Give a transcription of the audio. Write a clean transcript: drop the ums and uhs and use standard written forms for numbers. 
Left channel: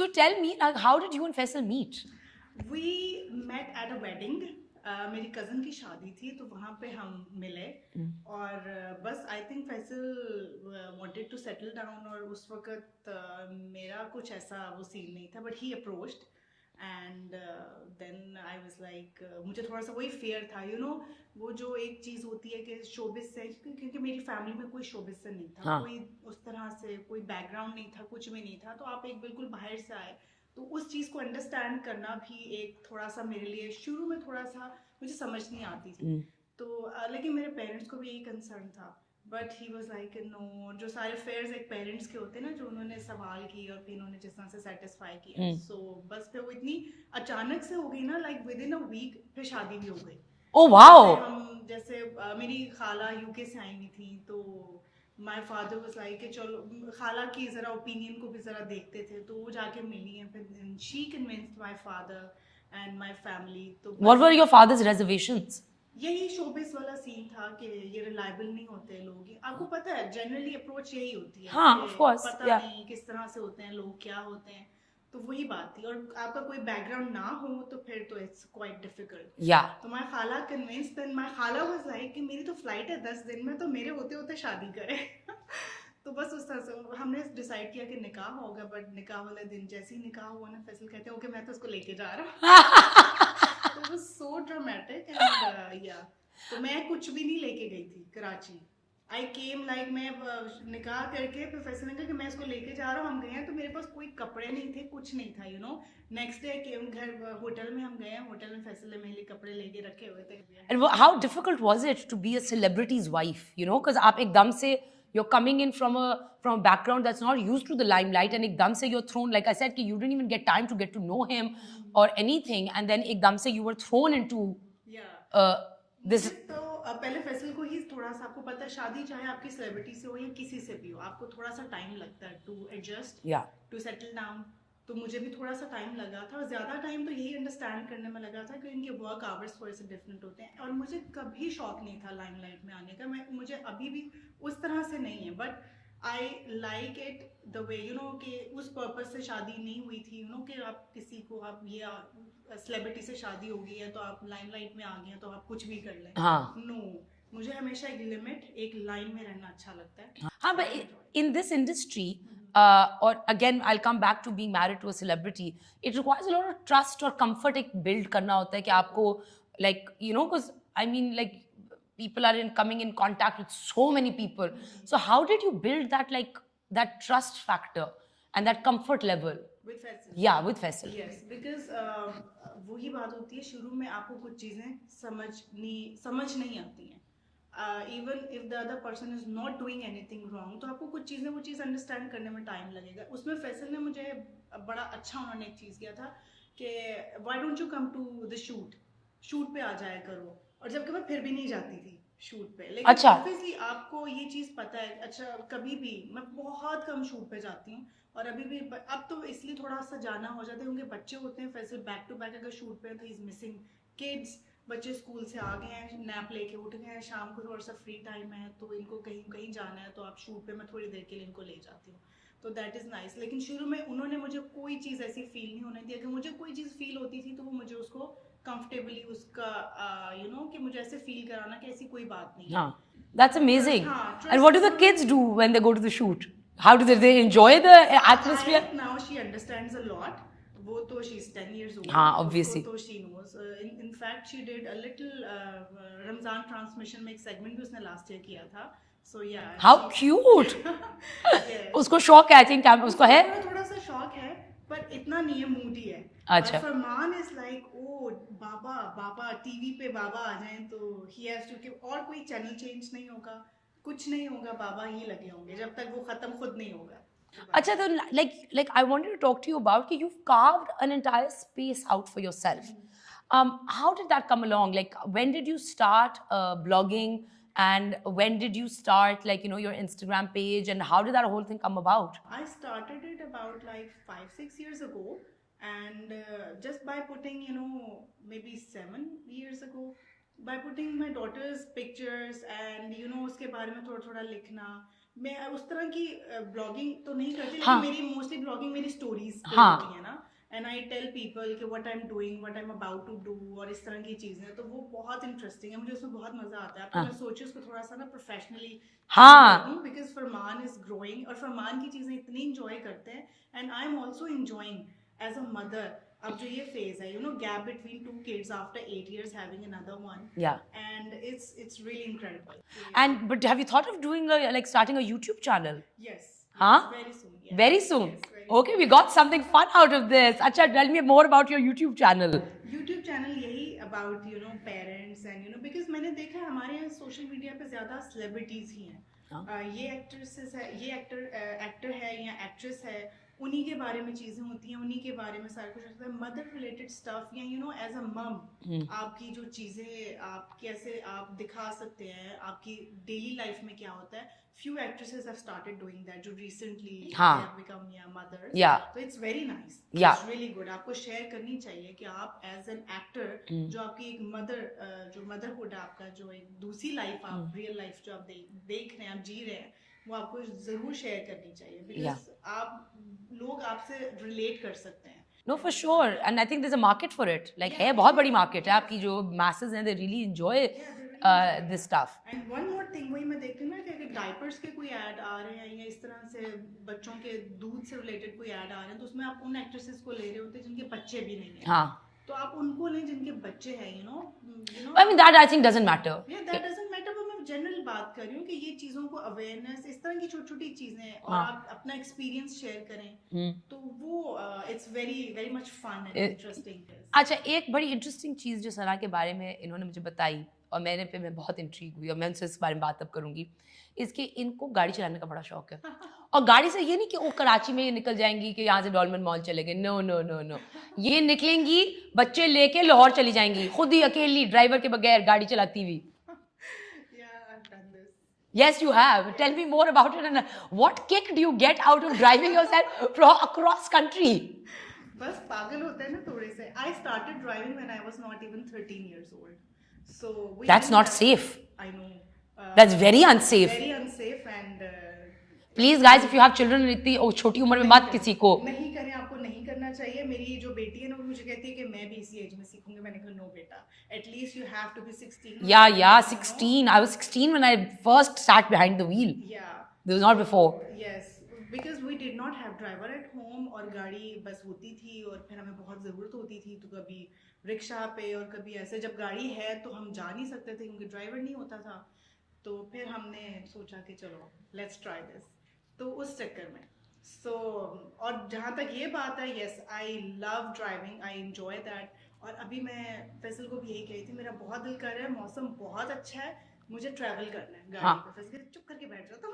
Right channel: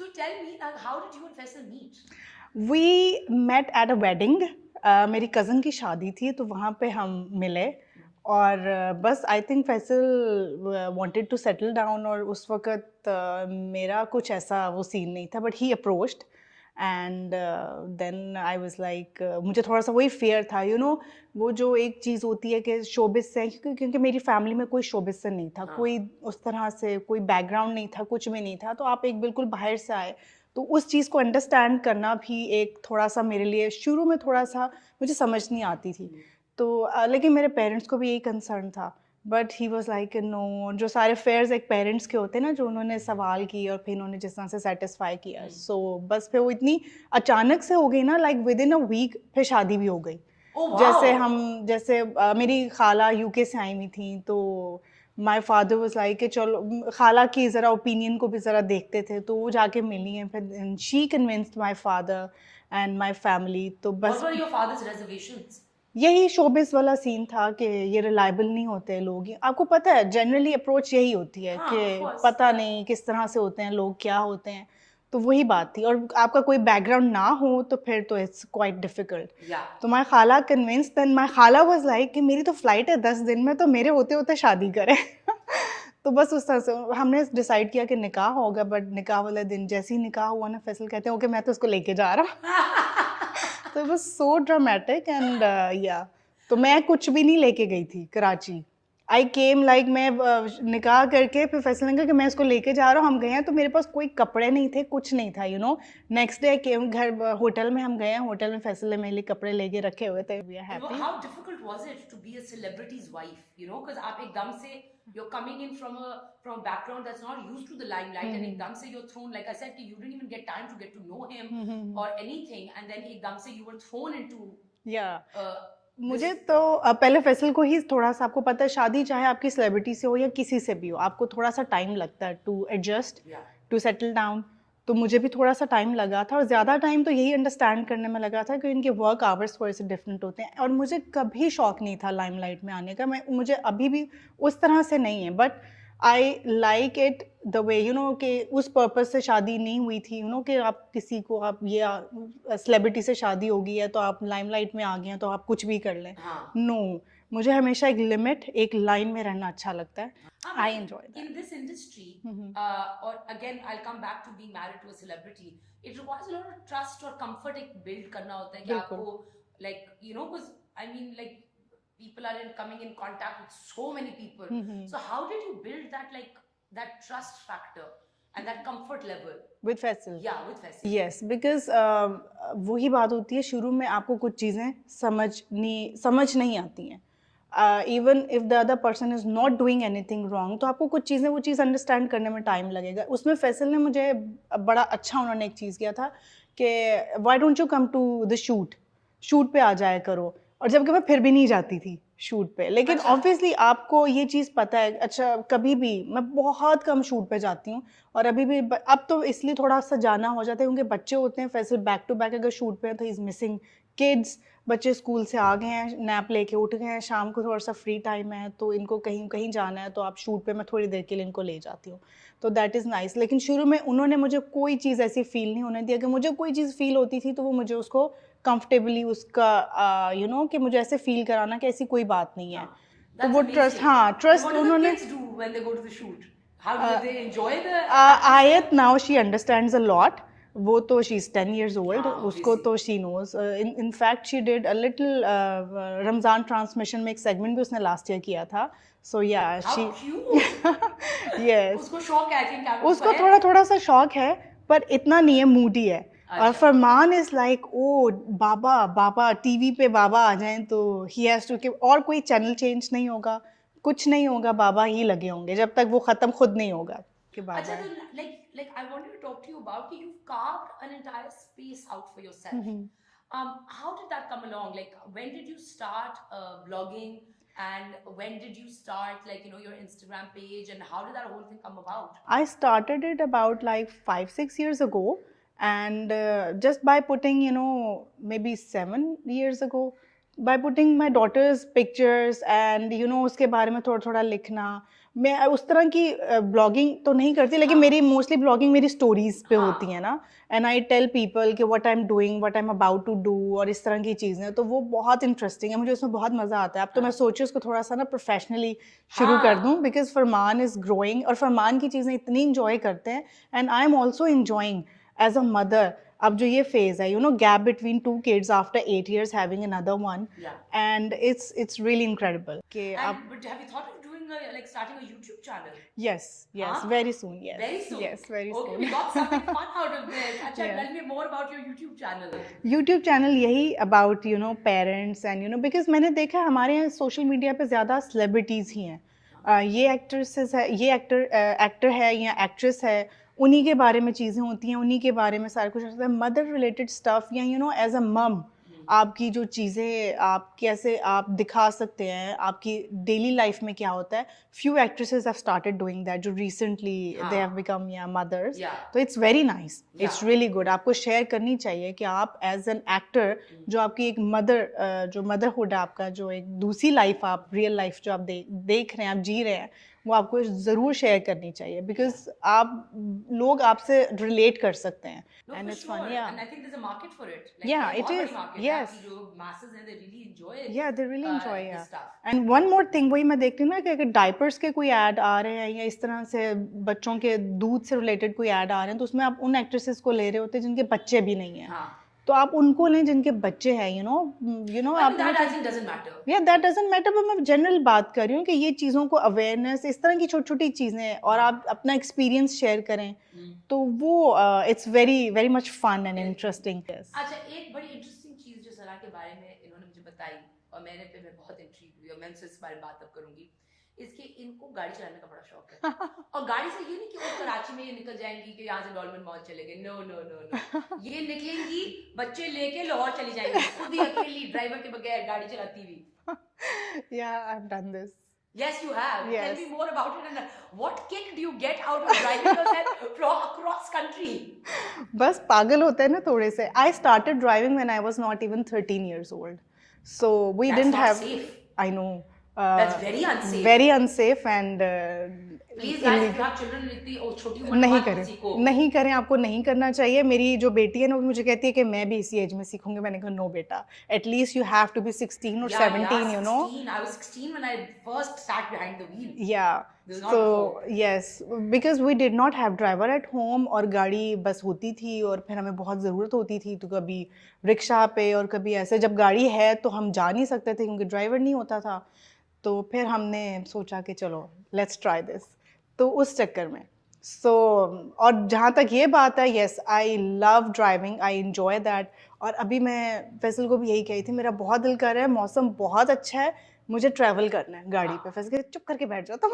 So tell me, how did you and Faisal meet? We met at a wedding. मेरी cousin की शादी थी तो वहाँ पे हम मिले और बस I think Faisal wanted to settle down और उस वक्त मेरा कुछ ऐसा वो सीन नहीं था but he approached and then I was like मुझे थोड़ा सा वही फेयर था वो जो एक चीज़ होती है कि शोबिस से क्योंकि मेरी फैमिली में कोई शोबिस से नहीं था हाँ. कोई उस तरह से कोई बैकग्राउंड नहीं था कुछ भी नहीं था तो आप एक बिल्कुल बाहर से आए तो उस चीज़ को अंडरस्टैंड करना भी एक थोड़ा सा मेरे लिए शुरू में थोड़ा सा मुझे समझ नहीं आती थी तो लेकिन मेरे पेरेंट्स को भी यही कंसर्न था but he was like no जो सारे फेयर्स एक पेरेंट्स के होते हैं ना जो उन्होंने सवाल किए और फिर उन्होंने जिस तरह से सेटिस्फाई किया सो बस फिर वो इतनी अचानक से हो गई ना like within a week फिर शादी भी हो गई Oh wow. जैसे मेरी खाला यूके से आई हुई थी तो माई फादर वॉज लाइक कि चलो खाला की ज़रा ओपिनियन को भी ज़रा देखते थे तो वो जाके मिली हैं फिर she convinced my father and my family तो What बस were your father's reservations? यही शोबिस वाला सीन था कि ये रिलायबल नहीं होते लोग आपको पता है जनरली अप्रोच यही होती है हाँ, कि of course, पता yeah. नहीं किस तरह से होते हैं लोग क्या होते हैं तो वही बात थी और आपका कोई बैकग्राउंड ना हो तो फिर तो इट्स क्वाइट डिफिकल्ट Yeah. तो माई खाला कन्विंस देन माई खाला वाज लाइक कि मेरी तो फ्लाइट है 10 दिन में तो मेरे होते होते शादी करें तो बस उस तरह से हमने डिसाइड किया कि निकाह होगा बट निकाह वाले दिन जैसे ही निकाह हुआ ना फैसल कहते हैं ओके मैं तो उसको लेके जा रहा तो it was so dramatic and yeah तो मैं कुछ भी नहीं लेके गई थी कराची आई केम लाइक मैं निकाह करके फिर फैसल ने कहा कि मैं इसको लेके जा रहा हूँ हम गए हैं तो मेरे पास कोई कपड़े नहीं थे कुछ नहीं था नेक्स्ट डे केम घर होटल में हम गए हैं होटल में फैसल ने मेरे लिए कपड़े लेके रखे हुए थे And how difficult was it to be a celebrity's wife? Because आप एकदम से you're coming in from a background that's not used to the limelight, and एकदम से you're thrown, like I said, कि you didn't even get time to get to know him or anything, and then एकदम से you were thrown into मुझे तो पहले फैसल को ही थोड़ा सा आपको पता है शादी चाहे आपकी सेलिब्रिटी से हो या किसी से भी हो आपको थोड़ा सा टाइम लगता है to adjust to settle down तो मुझे भी थोड़ा सा टाइम लगा था और ज़्यादा टाइम तो यही अंडरस्टैंड करने में लगा था कि इनके वर्क आवर्स थोड़े से डिफरेंट होते हैं और मुझे कभी शौक नहीं था लाइमलाइट में आने का मुझे अभी भी उस तरह से नहीं है but I like it the way कि उस पर्पज से शादी नहीं हुई थी कि आप किसी को आप ये सेलिब्रिटी से शादी होगी है तो आप लाइमलाइट में आ गए हैं तो आप कुछ भी कर लें नो मुझे हमेशा एक लिमिट एक लाइन में रहना अच्छा लगता है I enjoy in this industry or again I'll come back to being married to a celebrity it requires a lot of trust और comfort एक build करना होता है कि आपको like because I mean like people are coming in contact with so many people so how did you build that like that trust factor and that comfort level with Faisal with Faisal yes because वही बात होती है शुरू में आपको कुछ चीज़ें समझ नहीं आती हैं even if the other person is not doing anything wrong तो आपको कुछ चीज़ें वो चीज़ अंडरस्टैंड करने में टाइम लगेगा उसमें फैसल ने मुझे बड़ा अच्छा उन्होंने एक चीज़ किया था कि why don't you come to the shoot पे आ जाया करो और जबकि मैं फिर भी नहीं जाती थी शूट पे लेकिन ऑब्वियसली आपको ये चीज़ पता है अच्छा कभी भी मैं बहुत कम शूट पे जाती हूँ और अभी भी अब तो इसलिए थोड़ा सा जाना हो जाता है क्योंकि बच्चे होते हैं फैसल बैक टू बैक अगर शूट पे है तो इज़ मिसिंग किड्स बच्चे स्कूल से आ गए हैं नैप लेके उठ गए हैं शाम को थोड़ा सा फ्री टाइम है तो इनको कहीं कहीं जाना है तो आप शूट पे मैं थोड़ी देर के लिए इनको ले जाती हूँ तो दैट इज़ नाइस लेकिन शुरू में उन्होंने मुझे कोई चीज़ ऐसी फील नहीं होने दिया कि मुझे कोई चीज़ फील होती थी तो वो मुझे उसको कंफर्टेबली उसका कि मुझे ऐसे फील कराना कि ऐसी कोई बात नहीं है That's amazing. trust and what do the kids do when they go to the shoot? How do they enjoy the atmosphere? Ayat now she understands a lot. वो तो she's 10 years old. उसको तो she knows. In fact, she did a little Ramzan transmission में एक segment भी उसने last year किया था. So yeah. How cute. Yes. उसको शौक है I think उसको है. थोड़ा सा शौक है पर इतना नहीं है मूडी है. और फरमान इज लाइक ओ बाबा टीवी पे बाबा आ जाएं तो ही हैज टू और कोई चैनल चेंज नहीं होगा कुछ नहीं होगा बाबा ही लगे होंगे जब तक वो खत्म खुद नहीं होगा अच्छा तो like I wanted to talk to you about कि you've carved an entire space out for yourself how did that come along like when did you start blogging and when did you start like your Instagram page and how did that whole thing come about? I started it about like 5-6 years ago and just by putting maybe 7 years ago by putting my daughter's pictures and उसके बारे में थोड़ा लिखना मैं उस तरह की blogging तो नहीं करती, लेकिन हाँ। मेरी मोस्टली ब्लॉगिंग मेरी स्टोरीज पे हाँ। होती है ना, एंड आई टेल पीपल कि what I am doing, what I am about to do, और इस तरह की चीज़ें, तो वो बहुत इंटरेस्टिंग है, मुझे उसमें बहुत मज़ा आता है। अब तो हाँ। मैं सोची उसको थोड़ा सा ना प्रोफेशनली शुरू हाँ। कर दूं, बिकॉज फरमान इज़ ग्रोइंग, और फरमान की चीज़ें इतनी इंजॉय करते हैं, and I am also enjoying as a mother. अब जो ये फेज है, gap between 2 kids after 8 years having another one, Yeah. and it's really incredible कि And but have you thought of doing like starting a YouTube channel? yes, Huh? very soon, yes, Very soon. yes, very Okay, soon. we got something fun out of this. Acha, Yeah. tell me more about your YouTube channel. YouTube channel यही about parents and because मैंने देखा है हमारे यहाँ social media पे ज़्यादा celebrities ही हैं। ये एक्ट्रेसेस है, ये एक्टर है या एक्ट्रेस है, उन्हीं के बारे में चीज़ें होती हैं, उन्हीं के बारे में सारा कुछ होता है, मदर रिलेटेड स्टफ, या एज अ मम आपकी जो चीज़ें आप कैसे आप दिखा सकते हैं, आपकी डेली लाइफ में क्या होता है। Few actresses have started doing that जो recently they have become mothers, तो it's very nice, it's really good. आपको शेयर करनी चाहिए कि आप एज एन एक्टर जो आपकी एक मदर जो मदरहुड है आपका, जो एक दूसरी लाइफ आप रियल लाइफ जो आप देख रहे हैं, आप जी रहे हैं, वो आपको ज़रूर शेयर करनी चाहिए, बिकॉज आप लोग आपसे रिलेट कर सकते हैं। No, for sure. And I think there's a market for it. Like, Yeah, है it बहुत is. बड़ी market है Yes. आपकी जो masses हैं, they really enjoy Yeah, they really enjoy this stuff. And one more thing, वही मैं देखती हूँ ना कि अगर डायपर्स के कोई ऐड आ रहे हैं या इस तरह से बच्चों के दूध से रिलेटेड कोई ऐड आ रहे हैं, तो उसमें आप उन एक्ट्रेसेस को ले रहे होते हैं जिनके बच्चे भी नहीं हैं। हाँ. तो आप उनको लें जिनके बच्चे हैं, I mean, that I think doesn't matter. Yeah, that doesn't matter, but मैं जनरल बात कर रही हूँ कि ये चीज़ों को अवेयरनेस, इस तरह की छोटी छोटी चीज़ें, और आप अपना एक्सपीरियंस शेयर करें, तो वो it's very very much fun and interesting. अच्छा, एक बड़ी इंटरेस्टिंग चीज़ जो सना के बारे में इन्होंने मुझे बताई और मैं बहुत इंट्रीग हुई, और मैं उनसे इस बारे में बात अब करूँगी, इसके इनको गाड़ी चलाने का बड़ा शौक है। और गाड़ी से ये नहीं कि वो कराची में ये निकल जाएंगी कि यहाँ से डॉल्मेन मॉल चले गए, नो नो नो नो, ये निकलेंगी बच्चे लेके लाहौर चली जाएंगी, खुद ही अकेली ड्राइवर के बगैर गाड़ी चलाती हुई। Yeah, I've done this. Yes, you have. Yes. Tell me more about it. And what kick do you get out of driving yourself across country? बस पागल होते हैं ना थोड़े से। I started driving when I was not even 13 years old. So we That's didn't not have, safe. I know. That's very unsafe. Very unsafe and Please guys, if you have children इतनी छोटी उम्र में मत किसी को नहीं करें, आपको नहीं करना चाहिए। मेरी जो बेटी है ना, वो मुझे कहती है कि मैं भी इसी एज में सीखूंगी। मैंने कहा नो बेटा, at least you have to be 16 or 17, yeah, 16. I was 16 when I first sat behind the wheel. Yeah. This was not before. Yes, because we did not have driver at home, और गाड़ी बस होती थी, और फिर हमें बहुत ज़रूरत होती थी, तो कभी रिक्शा पे और कभी ऐसे। जब गाड़ी है तो हम जा नहीं सकते थे क्योंकि ड्राइवर नहीं होता था, तो फिर हमने सोचा कि चलो लेट्स ट्राई दिस, तो उस चक्कर में और जहाँ तक ये बात है, yes I love driving, I enjoy that. और अभी मैं फैसल को भी यही कही थी, मेरा बहुत दिल कर रहा है, मौसम बहुत अच्छा है, मुझे ट्रैवल करना है गाड़ी पे। फैसल चुप करके बैठ जाओ तो